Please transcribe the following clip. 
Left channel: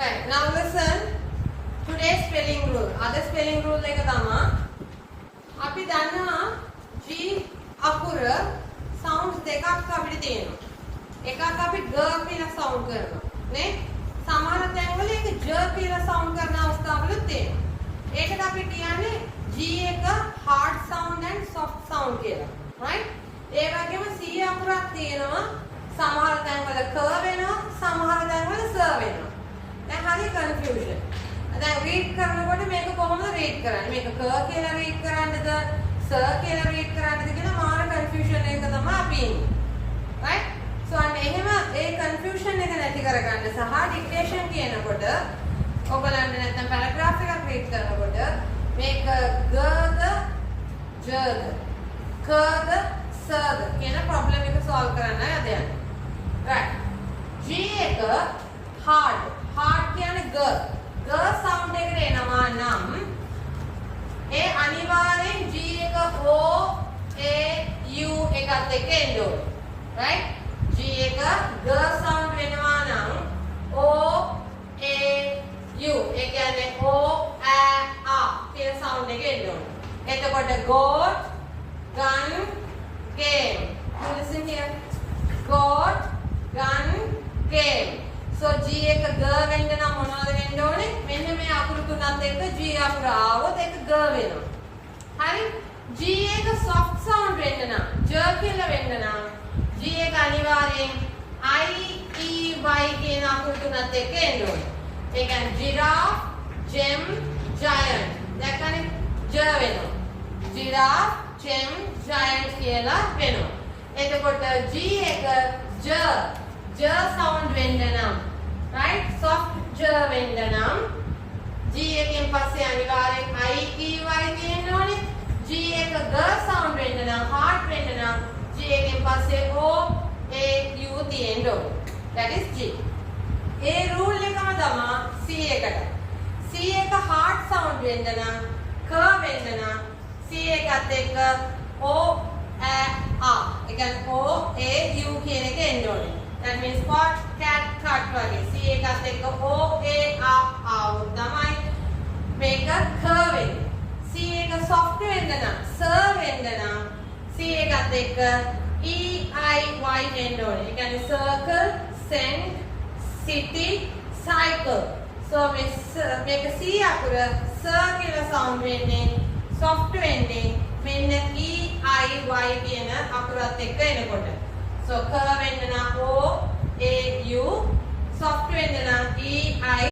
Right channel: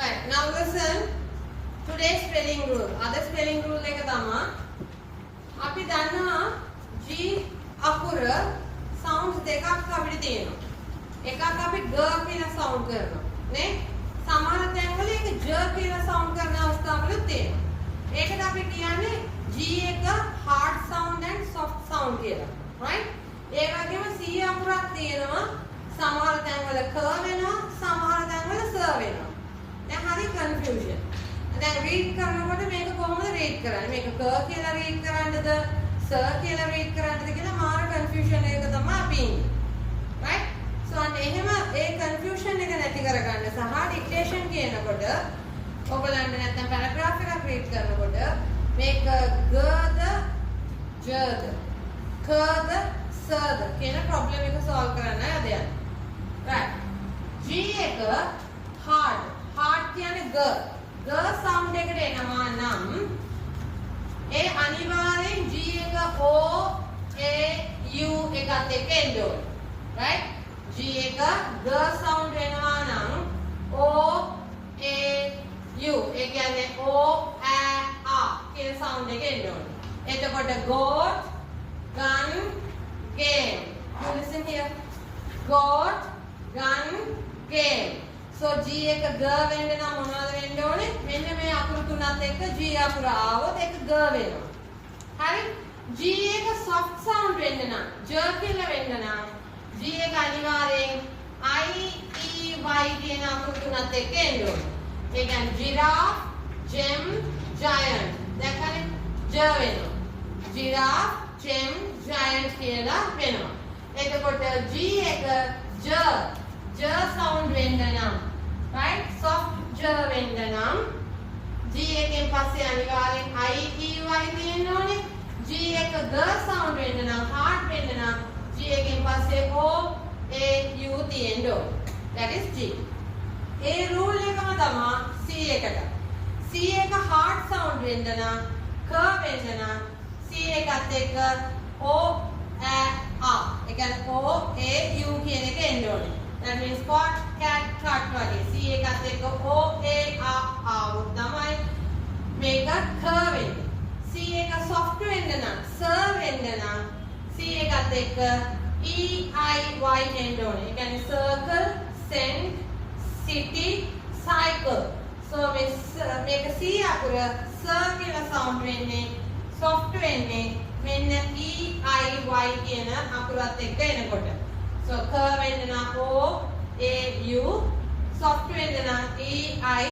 Right, now listen today's spelling rule. Other spelling rule එක තමයි අපි දන්නවා G අකුර sounds දෙකක් අපිට තියෙනවා. එකක් අපි g කියලා sound කරනවා. නේ? සමහර තැන්වල ඒක j කියලා sound කරන අවස්ථාවලුත් තියෙනවා. ඒකට අපි කියන්නේ G එක hard sound and soft sound කියලා. right? ඒ වගේම C අකුරක් තියෙනවා. සමහර තැන්වල k වෙනවා, සමහර තැන්වල s වෙනවා. දැන් හරි කන්ෆියුෂන්. දැන් රීඩ් කරනකොට මේක කොහොමද රීඩ් කරන්නේ? මේක ක කියලා රීඩ් කරන්නද, ස කියලා රීඩ් කරන්නද කියලා මාර කන්ෆියුෂන් එක තමයි අපි ඉන්නේ. right? so අන්න එහෙම ඒ කන්ෆියුෂන් එක නැති කරගන්න සහ ඩික්ටේෂන් කියනකොට ඔයගලන්ට නැත්නම් පැරග්‍රාෆ් එකක් රීඩ් කරනකොට මේක ගද, ජද, කද, සද කියන ප්‍රොබ්ලම් එක සෝල්ව් කරන්න අද යන්නේ. right? G එක hard කියන්නේ g. g sound එකට එනවා නම් ඒ අනිවාර්යෙන් G එක O A U එකත් එක්ක එන්න ඕනේ. right? G එක g sound වෙනවා නම් O A U ඒ කියන්නේ O A A කියන sound එක එන්න ඕනේ. එතකොට goat, gun, game. You listen here. goat, gun, game. so G එක g වෙන්න නම් මොනවද වෙන්න ඕනේ? මෙන්න මේ අකුරු තුනත් එක්ක G අකුර ආවොත් ඒක g වෙනවා. හරි? G එක soft sound වෙන්න නම්, j කියලා වෙන්න නම් G එක අනිවාර්යෙන් I E Y කියන අකුරු තුනත් එක්ක එන්න ඕනේ. ඒ කියන්නේ giraffe, gem, giant. දැක්කනේ? j වෙනවා. giraffe, gem, giant කියලා වෙනවා. එතකොට G එක j sound වෙන්න නම් right? soft j වෙන්න නම් G එකෙන් පස්සේ අනිවාර්යෙන් I E Y තියෙන්න ඕනේ. G එක g sound වෙන්න නම් hard වෙන්න නම් G එකෙන් පස්සේ O A U තියෙන්න ඕනේ. that is G. A rule එකම තමයි C එකට. C එක hard sound වෙන්න නම් k වෙන්න නම් C එකත් එක්ක O A A ඒ කියන්නේ O A U කියන එක එන්න ඕනේ. that means pot, cat, cut වගේ. C එකත් එක්ක O A A ආවොත් තමයි මේක k වෙන්නේ. C එක soft වෙන්න නම්, s වෙන්න නම් C එකත් එක්ක E I Y එන්න ඕනේ. ඒ කියන්නේ circle, send, city, cycle. so මේක C අකුර s කියලා sound වෙන්නේ, soft වෙන්නේ මෙන්න E I Y කියන අකුරත් එක්ක එනකොට. so k වෙන්න නම් O A U, soft වෙන්න නම් E I